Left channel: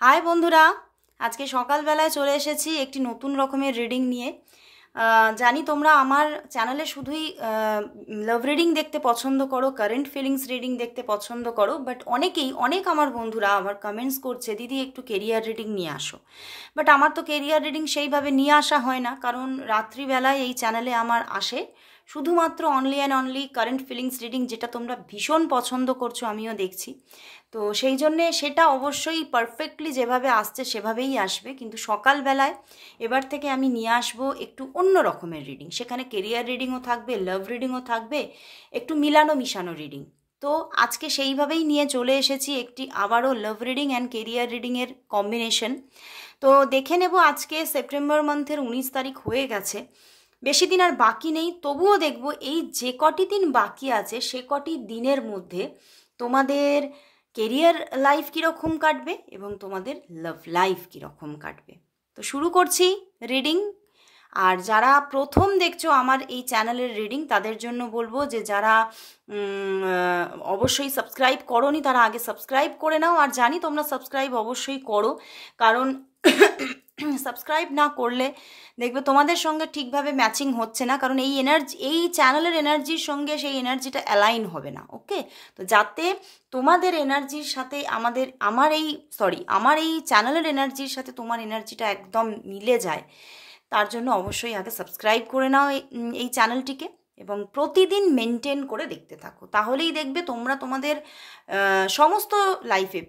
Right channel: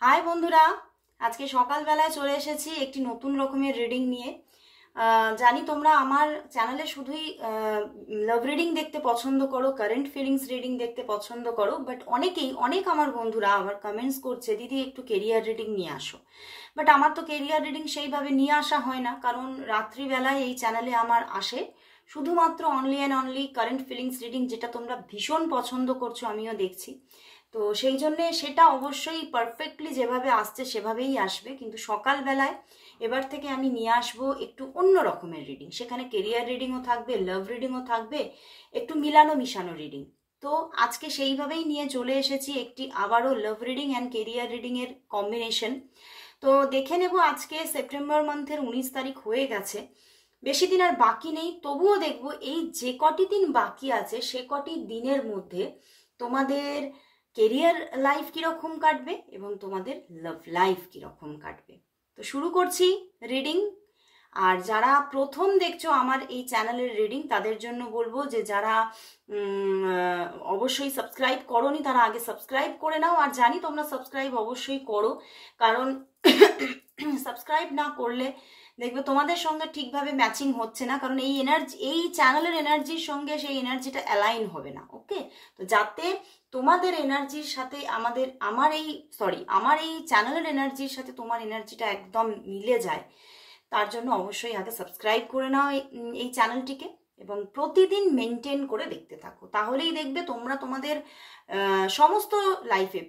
High বন্ধুরা, আজকে সকালবেলায় চলে এসেছি একটি নতুন রকমের রিডিং নিয়ে। জানি তোমরা আমার চ্যানেলে শুধুই লাভ রিডিং দেখতে পছন্দ করো, কারেন্ট ফিলিংস রিডিং দেখতে পছন্দ করো, বাট অনেক আমার বন্ধুরা আমার কমেন্টস করছে দিদি একটু কেরিয়ার রিডিং নিয়ে আসো। বাট আমার তো কেরিয়ার রিডিং সেইভাবে নিয়ে আসা হয় না, কারণ রাত্রিবেলায় এই চ্যানেলে আমার আসে শুধুমাত্র only and only current feelings reading, যেটা তোমরা ভীষণ পছন্দ করছো, আমিও দেখছি। তো সেই জন্যে সেটা অবশ্যই পারফেক্টলি যেভাবে আসছে সেভাবেই আসবে, কিন্তু সকালবেলায় এবার থেকে আমি নিয়ে আসবো একটু অন্য রকমের রিডিং। সেখানে কেরিয়ার রিডিংও থাকবে, লাভ রিডিংও থাকবে, একটু মিলানো মিশানো রিডিং। তো আজকে সেইভাবেই নিয়ে চলে এসেছি একটি আবারও লাভ রিডিং অ্যান্ড কেরিয়ার রিডিংয়ের কম্বিনেশন। তো দেখে নেব, আজকে সেপ্টেম্বর মান্থের 19 তারিখ হয়ে গেছে, বেশি দিন আর বাকি নেই। তবুও দেখব এই যে কটি দিন বাকি আছে সে কটি দিনের মধ্যে তোমাদের কেরিয়ার লাইফ কীরকম কাটবে এবং তোমাদের লাভ লাইফ কীরকম কাটবে। তো শুরু করছি রিডিং। আর যারা প্রথম দেখছো আমার এই চ্যানেলের রিডিং, তাদের জন্য বলবো যে যারা অবশ্যই সাবস্ক্রাইব করোনি তারা আগে সাবস্ক্রাইব করে নাও। আর জানি তোমরা সাবস্ক্রাইব অবশ্যই করো, কারণ সাবস্ক্রাইব না করলে দেখবে তোমাদের সঙ্গে ঠিকভাবে ম্যাচিং হচ্ছে না, কারণ এই এনার্জি, এই চ্যানেলের এনার্জির সঙ্গে সেই এনার্জিটা অ্যালাইন হবে না। ওকে, তো যাতে তোমাদের এনার্জির সাথে আমার এই চ্যানেলের এনার্জির সাথে তোমার এনার্জিটা একদম মিলে যায়, তার জন্য অবশ্যই আগে সাবস্ক্রাইব করে নাও এই চ্যানেলটিকে, এবং প্রতিদিন মেনটেন করে দেখতে থাকো। তাহলেই দেখবে তোমরা তোমাদের সমস্ত লাইফে,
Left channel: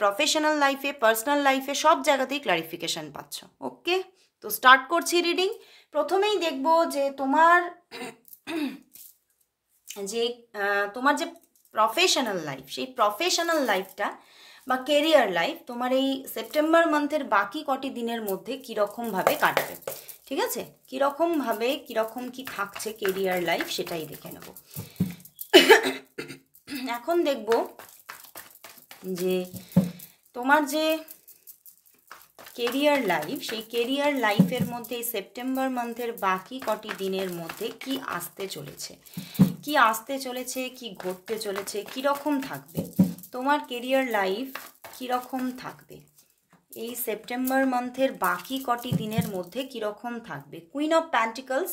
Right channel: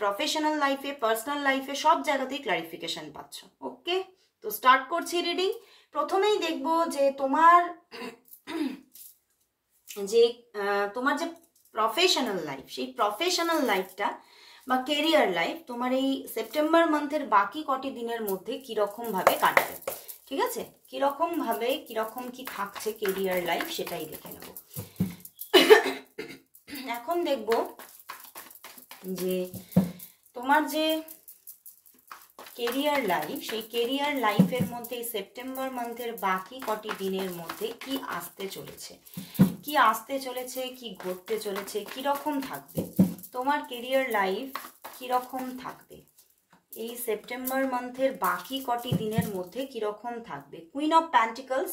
প্রফেশনাল লাইফে, পার্সোনাল লাইফে, সব জায়গাতেই ক্লারিফিকেশন পাচ্ছ। ওকে, তো স্টার্ট করছি রিডিং। প্রথমেই দেখব যে তোমার যে প্রফেশনাল লাইফ, সেই প্রফেশনাল লাইফটা বা কেরিয়ার লাইফ তোমার এই সেপ্টেম্বর মান্থের বাকি কটি দিনের মধ্যে কীরকমভাবে কাটবে। ঠিক আছে, কীরকমভাবে কীরকম কি থাকছে কেরিয়ার লাইফ সেটাই দেখে নেব। এখন দেখব যে তোমার যে কেরিয়ার লাইফ, সেই কেরিয়ার লাইফের মধ্যে এই সেপ্টেম্বর মান্থের বাকি কটি দিনের মধ্যে কি আসতে চলেছে, কি ঘটতে চলেছে, কীরকম থাকবে তোমার কেরিয়ার লাইফ, কীরকম থাকবে এই সেপ্টেম্বর মান্থের বাকি কটি দিনের মধ্যে, কীরকম থাকবে। কুইন অফ প্যান্টিকলস,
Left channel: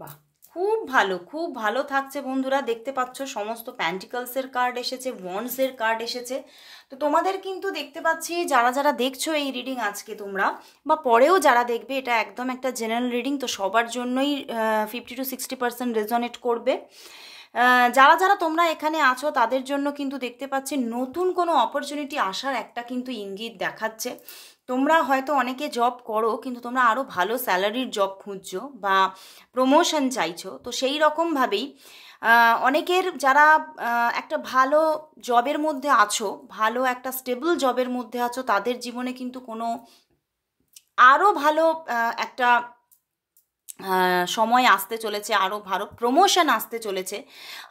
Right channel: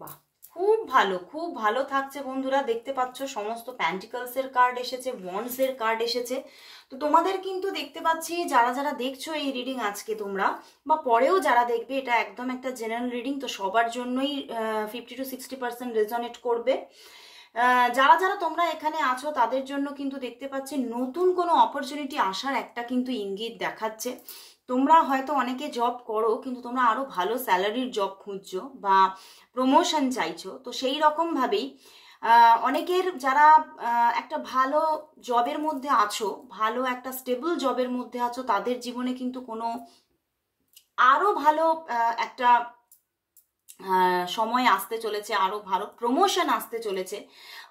বাহ, খুব ভালো থাকছে বন্ধুরা। দেখতে পাচ্ছ সমস্ত প্যান্টিকলসের কার্ড এসেছে, ওয়ান্ডসের কার্ড এসেছে। তো তোমাদের কিন্তু দেখতে পাচ্ছি যারা যারা দেখছো এই রিডিং আজকে তোমরা বা পরেও যারা দেখবে, এটা একদম একটা জেনারেল রিডিং, তো সবার জন্যই 50 to 60% রেজনেট করবে। যারা যারা তোমরা এখানে আছো তাদের জন্য কিন্তু দেখতে পাচ্ছি নতুন কোনো অপরচুনিটি আসার একটা কিন্তু ইঙ্গিত দেখাচ্ছে। তোমরা হয়তো অনেকে জব করো, কিন্তু তোমরা আরও ভালো স্যালারির জব খুঁজছো বা প্রমোশন চাইছো। তো সেই রকমভাবেই অনেকের যারা একটা ভালো জবের মধ্যে আছো, ভালো একটা স্টেবল জবের মধ্যে আছো, তাদের জীবনে কিন্তু কোনো আরও ভালো একটা সময় আসতে চলেছে, আরও ভালো প্রমোশন আসতে চলেছে।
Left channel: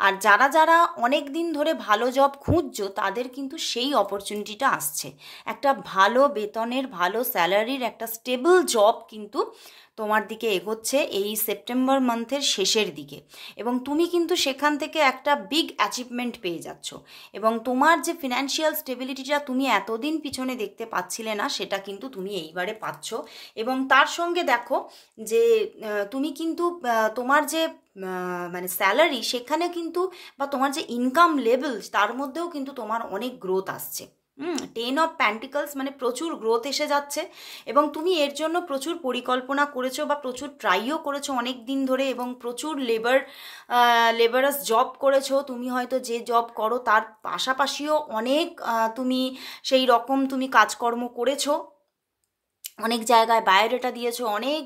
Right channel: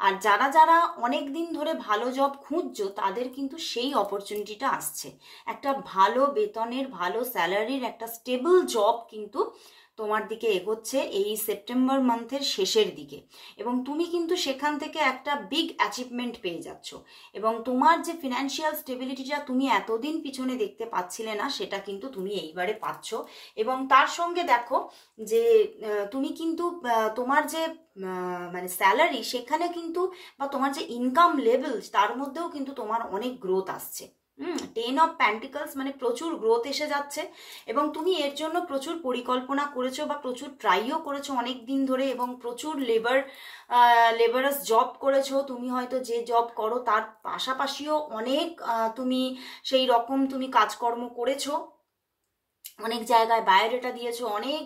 আর যারা যারা অনেক দিন ধরে ভালো জব খুঁজছো তাদের কিন্তু সেই অপরচুনিটিটা আসছে, একটা ভালো বেতনের, ভালো স্যালারির একটা স্টেবল জব কিন্তু তোমার দিকে এগোচ্ছে এই সেপ্টেম্বর মান্থের শেষের দিকে, এবং তুমি কিন্তু সেখান থেকে একটা বিগ অ্যাচিভমেন্ট পেয়ে যাচ্ছ, এবং তোমার যে ফিনান্সিয়াল স্টেবিলিটিটা তুমি এতদিন পিছনে দেখতে পাচ্ছিলে না, সেটা কিন্তু তুমি এইবারে পাচ্ছ। এবং তার সঙ্গে দেখো যে তুমি কিন্তু তোমার যে মানে স্যালারি, সেখানে কিন্তু বা তোমার যে ইনকাম লেভেল, তার মধ্যেও কিন্তু তোমার অনেক গ্রোথ আসছে। 10 অফ প্যান্টিকলস মানে প্রচুর গ্রোথ এসে যাচ্ছে, এবং তুমি এর জন্য প্রচুর পরিকল্পনা করেছো বা প্রচুর ট্রাইও করেছো অনেক দিন ধরে, এবং প্রচুর লেবারাস জব করেছো। তুমি হয়তো যে জব করো তার পাশাপাশিও অনেক তুমি সেই রকম তুমি কাজকর্ম করেছো, অনেক জায়গায় বায়োডাটা দিয়েছো, অনেক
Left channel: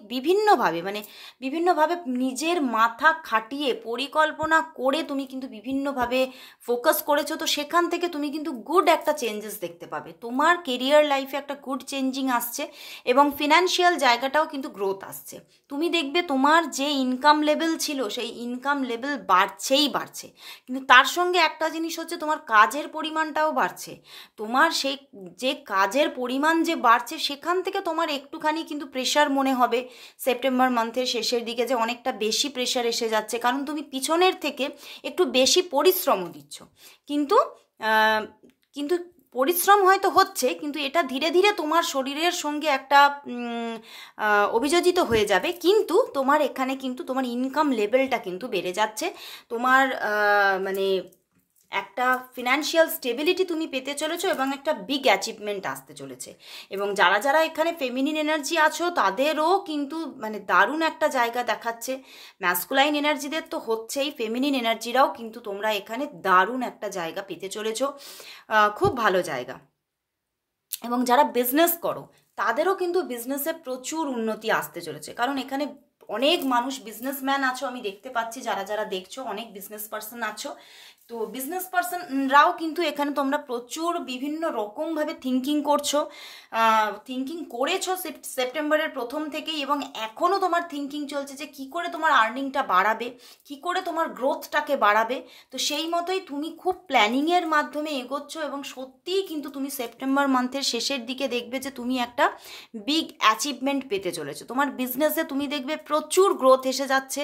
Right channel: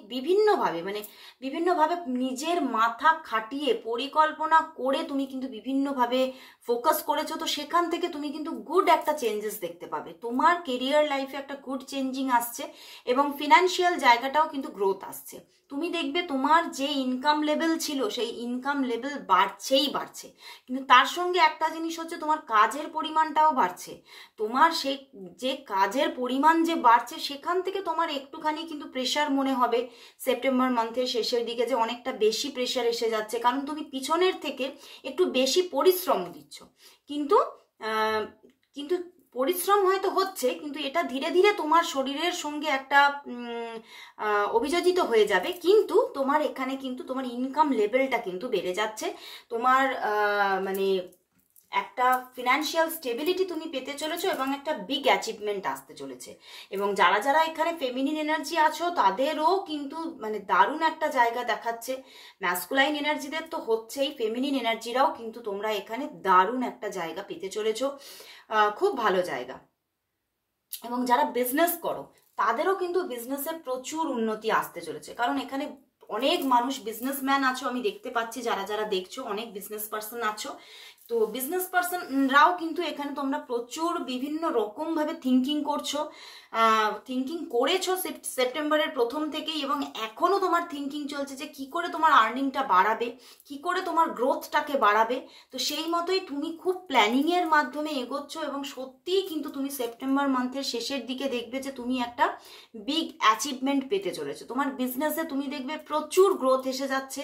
বিভিন্নভাবে নিজের মাথা খাটিয়ে পরিকল্পনা করে তুমি কিন্তু বিভিন্নভাবে ফোকাস করেছো। তো সেখান থেকে তুমি কিন্তু গুড একটা চেঞ্জেস দেখতে পাবে, তোমার কেরিয়ার লাইফে একটা গুড চেঞ্জিং আসছে, এবং ফিনান্সিয়াল জায়গাটাও কিন্তু গ্রোথ আসছে। তুমি দেখবে তোমার যে ইনকাম লেভেল ছিল সেই ইনকাম লেভেল বাড়ছে, কিন্তু তার সঙ্গে একটা জিনিস হচ্ছে তোমার কাজের পরিমাণটাও বাড়ছে। তোমার সেই যে কাজের পরিমাণ যে বাড়ছে, সেখান থেকে তোমার একটুখানি কিন্তু প্রেশার মনে হবে সেপ্টেম্বর মান্থের শেষের দিকে, যে অনেকটা বেশি প্রেশার এসে যাচ্ছে, কারণ তুমি পিছনের থেকে একটু বেশি পরিশ্রম দিচ্ছ। কিন্তু কিন্তু পরিশ্রম হয়তো হচ্ছে, কিন্তু এটা ধীরে ধীরে তোমার শরীরের সঙ্গে একটা অভিযোজিত হয়ে যাবে, কিন্তু তোমার এখানে কিন্তু তোমার ইনকাম লেভেলটা কিন্তু বেড়ে যাচ্ছে, তোমার মানে একটা ফিনান্সিয়াল স্টেবিলিটি তুমি পেতে চলেছো এবং একটা বিগ অ্যাচিভমেন্ট আসতে চলেছে। এবং যারা যারা এখানে ফেমিনিন এনার্জি আছো তাদেরও কিন্তু মানে দারুণ একটা জায়গা দেখাচ্ছে। ম্যাসকুলাইন এনার্জিদের তো হচ্ছেই, ফেমিনিন এনার্জিরাও কিন্তু তোমরা এখানে দারুণ একটা জায়গা পেতে চলেছো, খুব ভালো জায়গা। এবং যারা বিজনেস করো তাদেরও কিন্তু বিজনেসে প্রচুর উন্নতি আসতে চলেছে, কারণ এখানে অনেক মানুষ বিজনেসম্যান আছো, আমি দেখতে পাচ্ছি যারা যারা দেখছো অনেক বিজনেস পার্সন আছো। তো বিজনেস পার্সনরাও কিন্তু এখানে তোমরা প্রচুর বিভিন্ন রকমভাবে থিঙ্কিং করেছো সেপ্টেম্বরের প্রথম থেকেই, এবং এখনও তোমার থিঙ্কিং চলছে যে কি করে তোমার আর্নিংটা বাড়াবে, কি করে তোমার গ্রোথটাকে বাড়াবে। তো সেই মতোই তুমি খুব প্ল্যানিংয়ের মাধ্যমে এগোচ্ছ, এবং সত্যিই কিন্তু তুমি সেপ্টেম্বর মান্থের শেষের দিকে দেখবে যে তুমি একটা বিগ অ্যাচিভমেন্ট পেতে চলেছো। তোমার বিজনেসে তুমি দেখবে প্রচুর গ্রোথ এসে যাচ্ছে,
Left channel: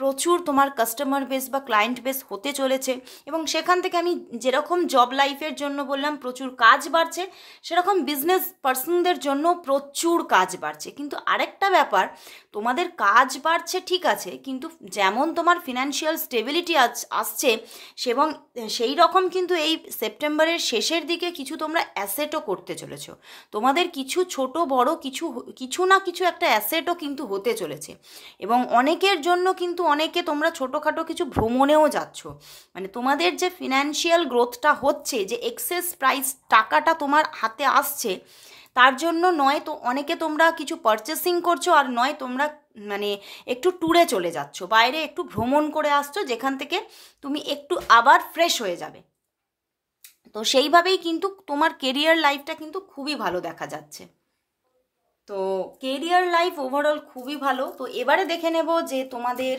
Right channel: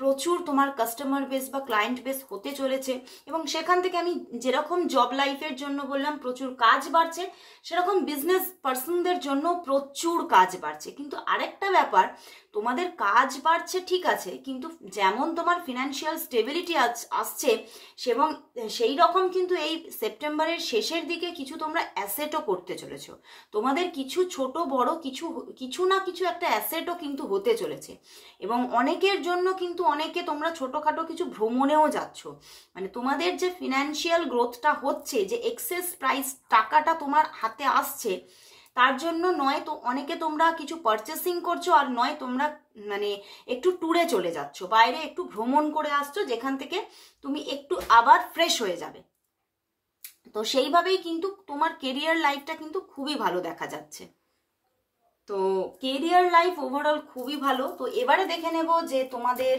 প্রচুর তোমার কাস্টমার বেস বা ক্লায়েন্ট বেস হতে চলেছে, এবং সেখান থেকে আমি যেরকম জব লাইফের জন্য বললাম প্রচুর কাজ বাড়ছে, সেরকম বিজনেস পার্সনদের জন্য প্রচুর কাজ বাড়ছে। কিন্তু আরেকটা ব্যাপার, তোমাদের কাজ বাড়ছে ঠিক আছে, কিন্তু যেমন তোমার ফিনান্সিয়াল স্টেবিলিটি আসছে, এবং সেই রকম কিন্তু এই সেপ্টেম্বরের শেষের দিকে কিছু তোমরা অ্যাসেটও করতে চলেছো। তোমাদের কিছু ছোট বড় কিছু না কিছু একটা অ্যাসেটও কিন্তু হতে চলেছে। এবং অনেকের জন্য কিন্তু অনেকে তোমরা ছোটোখাটো কিছু ভ্রমণেও যাচ্ছ, মানে তোমাদের যে ফিনান্সিয়াল গ্রোথটা হচ্ছে, যে এক্সেস প্রাইস টাকাটা তোমার হাতে আসছে, তার জন্য নয় তো অনেকে তোমরা কিছু পারচেসিং করছো, আর নয় তোমরা মানে একটু ট্যুরে চলে যাচ্ছ, বাইরে একটু ভ্রমণ করে আসছো, যেখান থেকে তুমি একটু আবার ফ্রেশ হয়ে যাবে। তো সেইভাবেই কিন্তু তোমার কেরিয়ার লাইফটা কিন্তু খুবই ভালো দেখা যাচ্ছে। তো কেরিয়ার লাইফ ওভারঅল খুবই ভালো। তো এবারে দেখে নেব যে তোমাদের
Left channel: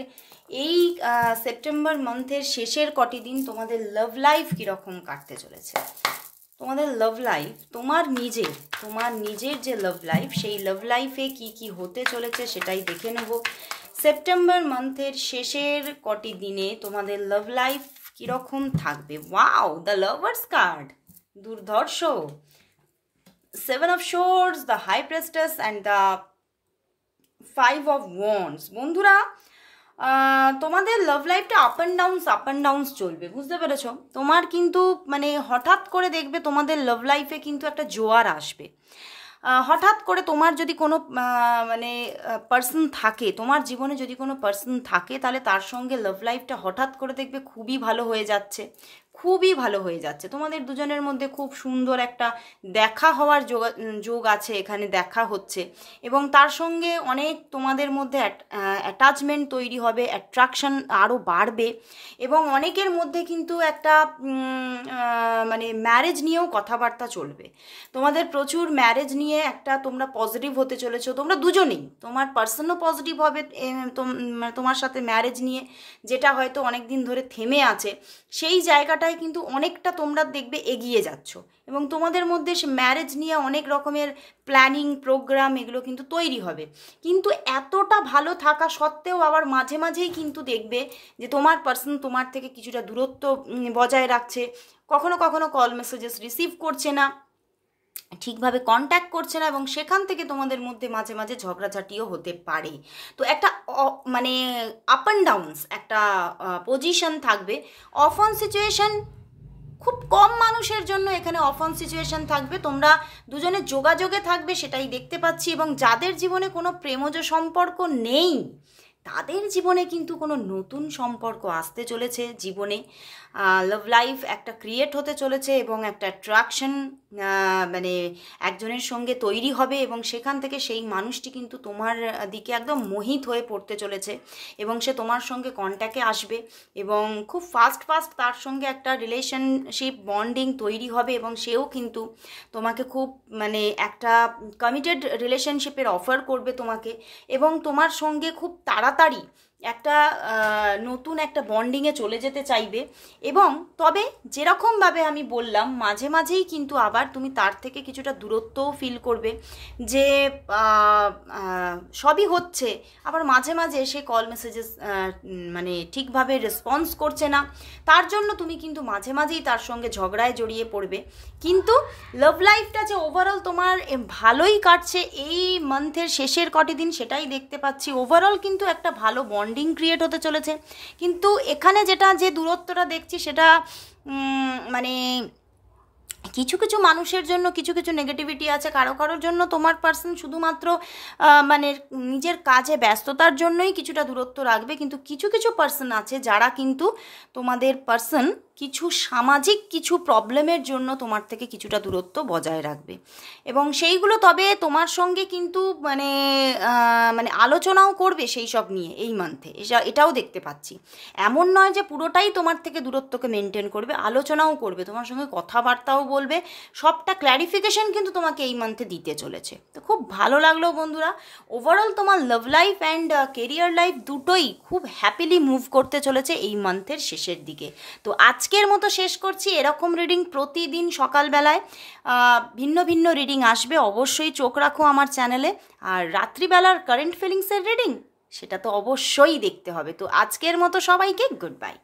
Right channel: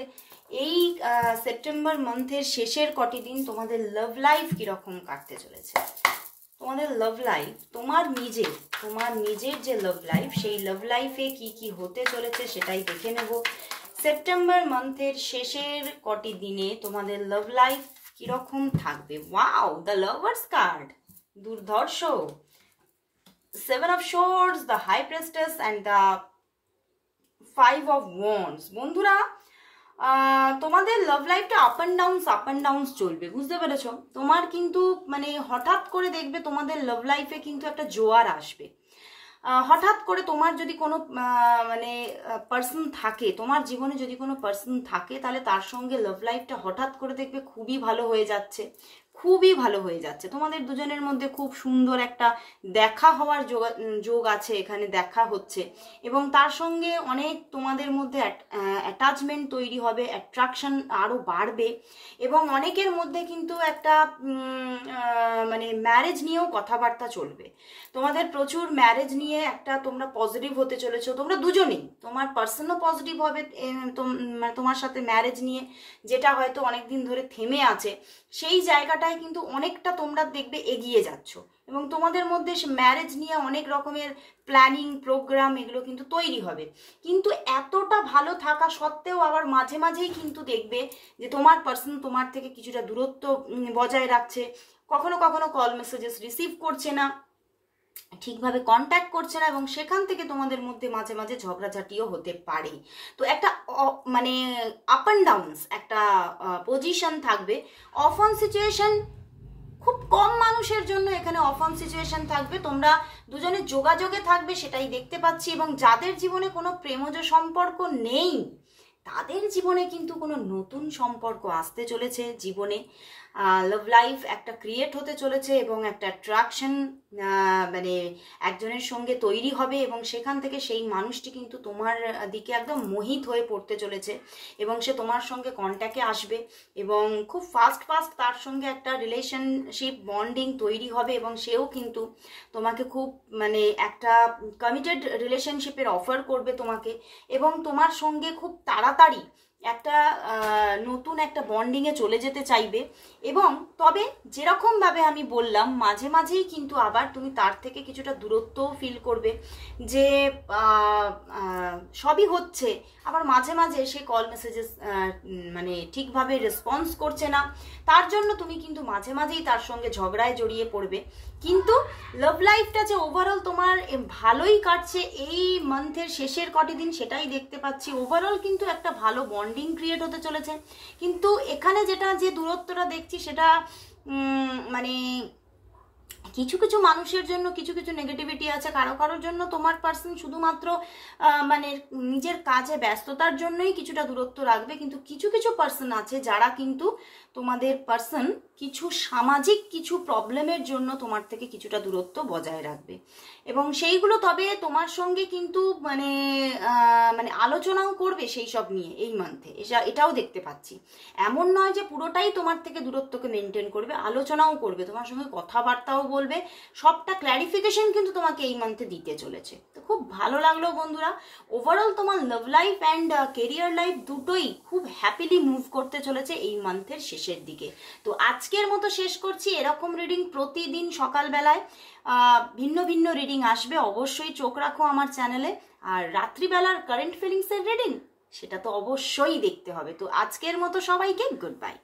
এই সেপ্টেম্বর মান্থের শেষের কটি দিন তোমাদের লাভ লাইফ কীরকম কাটতে চলেছে। তোমাদের লাভ লাইফ, তোমার নিজের যে লাভ লাইফ, সেই লাভ লাইফে কি কি হতে চলেছে সেটাই দেখে নেব। সেপ্টেম্বর মান্থের শেষের কটি দিনে তোমাদের লাভ লাইফ কীরকম থাকবে। ওয়াও, দ্য লাভার্স কার্ড, দুর্ধর্ষ, Seven of Swords, the High Priestess and the Five of Wands। বন্ধুরা, তোমাদের লাভ লাইফটা আপ অ্যান্ড ডাউনস চলবে, বুঝতে পেরেছ? তোমার কিন্তু মানে হঠাৎ করে দেখবে তোমাদের লাভ লাইফে কিন্তু একটা জোয়ার আসবে। হঠাৎ করে তোমার যদি কোনো মানে পার্সন থাকে, তোমার জীবনে যদি কোনো পার্সন থাকে, তাহলে তার সঙ্গে লাভ লাইফটা হঠাৎ করে দেখবে খুবই ভালো হয়ে যাচ্ছে, খুবই ভালো হয়ে যাচ্ছে। তোমাদের দুজনের মধ্যে খুব সুন্দর একটা দেখা হওয়ার যোগ আছে, এখানে দেখা হচ্ছে, এবং তার সঙ্গে অনেক তোমাদের মধ্যে অ্যাটাচমেন্ট তৈরি হবে, অ্যাট্রাকশন আরও বাড়বে, এবং অনেকের মধ্যে কিন্তু একটা মানে ম্যারেজ নিয়েও কথাবার্তা চলবে। তোমাদের প্রচুর ম্যারেজ নিয়ে একটা তোমরা পজিটিভ হতে চলেছো, তোমরা দুজনেই, তোমার পার্সনও পজিটিভ হবে তোমার সাথে ম্যারেজ নিয়ে, যেটা হয়তো অনেক দিন ধরে থেমে আছে, সেই জায়গাটায় কিন্তু অনেকটা তোমরা দেখবে এগিয়ে যাচ্ছ, এবং তোমাদের মধ্যে সে ম্যারেজ নিয়ে অনেক রকমের প্ল্যানিং প্রোগ্রাম এগুলো কিন্তু তৈরি হবে। কিন্তু এতটা ভালো থাকা সত্ত্বেও আবার মাঝে মাঝেই কিন্তু দেখবে যে তোমার পার্সন তোমার থেকে কিছুটা দূরত্ব বজায় রাখছে, কখনো কখনো কল মেসেজেস রিসিভ করছে না, ঠিকভাবে কন্ট্যাক্ট করছে না, এবং সেখান থেকে তোমাদের মধ্যে মাঝে মাঝে ঝগড়াঝাটিও হতে পারে। তো একটা মানে আপ অ্যান্ড ডাউনস একটা পজিশন থাকবে। অফ অন সিচুয়েশন খুব কম মানুষের জন্য এখানে অফ অন সিচুয়েশন থাকবে, তোমরা দুজনে যোগাযোগে থাকবে, সেটাই দেখতে পাচ্ছি। এবং যাদের জীবনে কোনো প্রেমজ সম্পর্ক নেই, তাদের জীবনে কিন্তু কোনো নতুন সম্পর্ক আসতে চলেছে, জীবনে লাভ লাইফ একটা ক্রিয়েট হতে চলেছে, এবং একটা অ্যাট্রাকশন মানে একজনের সঙ্গে তৈরি হবে, এবং সেখান থেকে সেই মানুষটি কিন্তু তোমার দিকে একদম মোহিত হয়ে পড়তে চলেছে, এবং সে তোমার সঙ্গে কন্ট্যাক্টে আসবে, এবং খুব ফাস্ট তার সঙ্গে একটা রিলেশনশিপ বন্ডিং তৈরি হবে, এবং সেও কিন্তু তোমাকে খুব মানে একটা কমিটেড রিলেশনশিপের অফার করবে তোমাকে, এবং তোমার সঙ্গে খুব তাড়াতাড়ি একটা নতুন একটা বন্ডিংয়ে চলে যেতে চাইবে। এবং তবে যেরকমভাবে আমি বললাম, মাঝে মাঝেই কিন্তু আবার তুমি তার থেকে কিছুটা দূরত্বও ফিল করবে, যে সবই হচ্ছে, আবার মাঝে মাঝে সে কল মেসেজেস মানে ঠিকভাবে রেসপন্স করছে না, তার জন্য তুমি কিন্তু মাঝে মাঝেই তার সঙ্গে ঝগড়ায় জড়িয়ে পড়বে। কিন্তু লাভ লাইফটা যে ওভারঅল তোমার ভালোই কাটছে এই মান্থের শেষের কটি দিন, সেটাই দেখতে পাচ্ছি। ওভারঅল কিন্তু একটা ভালো বন্ডিং ক্রিয়েট হতে চলেছে। কিন্তু এখানে যেটা যে দূরত্বটা দেখছি সেটা মানে কিছু কিছু মানুষের জন্য কিছু কিছু নেগেটিভিটি আছে, কারো কারোর জন্য তোমার পার্সন শুধুমাত্র মানে নিজের কাজে ব্যস্ততার জন্যই কিছুটা দূরত্ব রাখবে। কিন্তু কিছু কিছু পার্সন আছে যারা কিন্তু তোমাদের পার্সন কিছু সামাজিক কিছু প্রবলেমের জন্য তোমার থেকে কিছুটা দূরত্ব বজায় রাখবে। এবং সেইগুলো তবে তোমার সঙ্গে কিন্তু মানে মানে আলোচনাও করবে সেই সব নিয়ে এই মান্থে, এটাও দেখতে পাচ্ছি। এমন নয় যে পুরোটাই তোমার থেকে দূরত্বকে মেনটেন করবে, আলোচনাও করবে, তোমার সঙ্গে কথাবার্তাও বলবে, সবটা ক্ল্যারিফিকেশন কিন্তু তোমাকে এই মান্থে দিতে চলেছে। তো খুব ভালো লাগলো বন্ধুরা, ওভারঅল তোমার love life and career life দুটোই খুব হ্যাপিলি মুভ করতে চলেছে এই মান্থের শেষের দিকে। তো আজকের মতো শেষ করছি। এরকম রিডিং প্রতিদিন সকালবেলায় ভিন্ন ভিন্ন রিডিং আসবে, অবশ্যই চোখ রাখো আমার চ্যানেলে। আর রাত্রিবেলার কারেন্ট ফিলিংসের রিডিং সেটা তো অবশ্যই দেখতে হবে। তো আজকের মতো সবাইকে গুড বাই।